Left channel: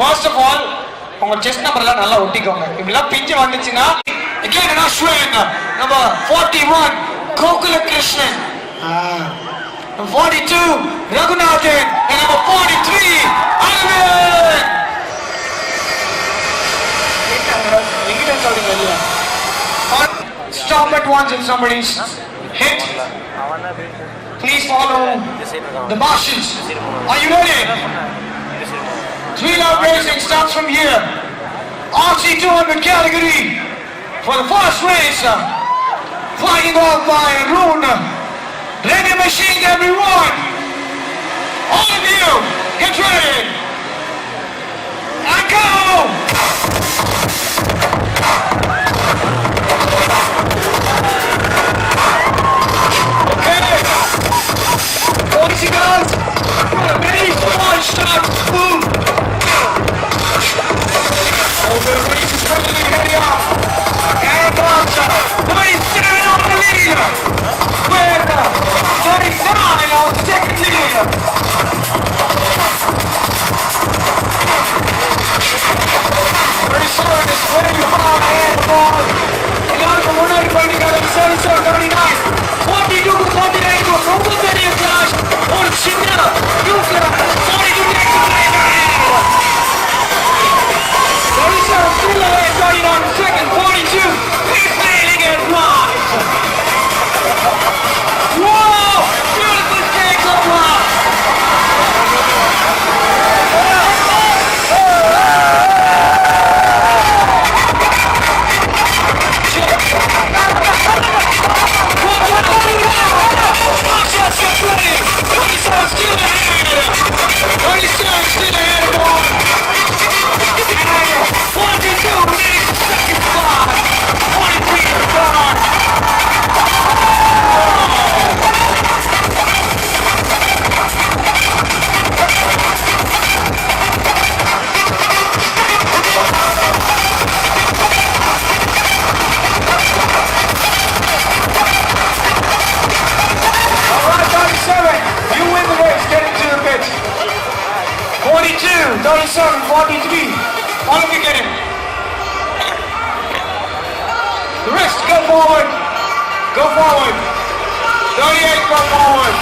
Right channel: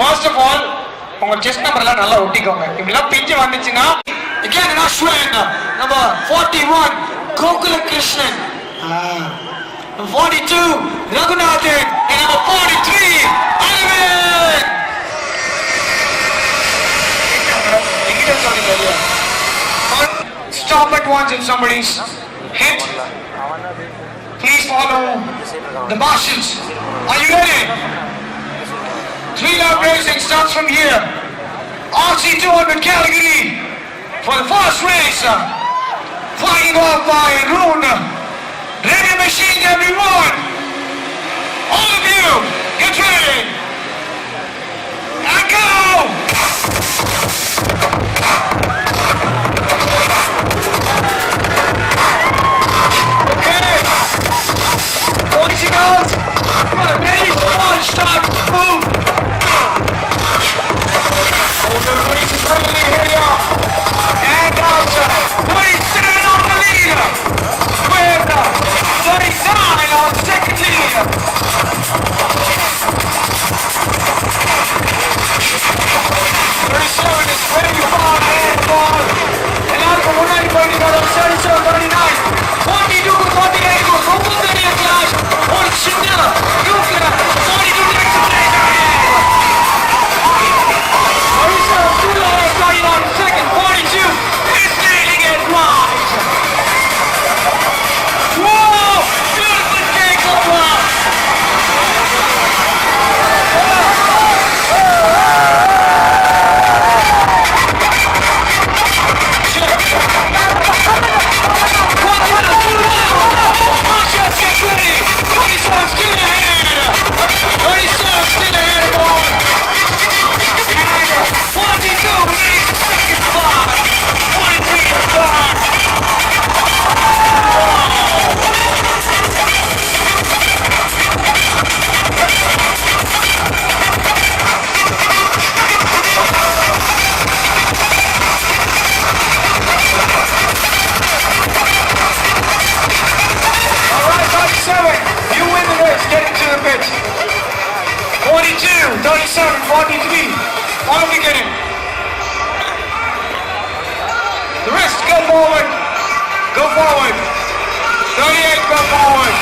First of all, உங்க chest நம்பர்லாம் நல்லா ஒட்டிக்கோங்க. இப்படிலாம் பிஞ்சு வந்துச்சுன்னா again in Australian number 41 Gokula Krishnan, number 42 Raghunathan, and number 43 Arvind. Stop at once if somebody's hit. Please follow the marshals. Are you ready? 3-lap racing starts from here. RC200 category for the first race. Flying off by Rune. Ready machine, everyone. All of you, get ready. And go! Okay. 40 seconds. Ready, one start, boom. The race is happening here. And Somebody's sitting on the lead. With 39 on second lead. Very soon it's 25 and ball. And now the winner is going to go to 37, 39. 42, 48 goes over the near class. Or China, Ukraine, 42 next to play. 37, 41 second, 42. He's leading it live. Whoa! Beautiful take of love. Get ready. 27 still ahead. 27 still ahead, boy. And 42 leads the second spot. 43 to start. Alright, 37, you win the race, get into the pit. 42, 37, 43, all of you get in. The rest, go forward, 38, go forward.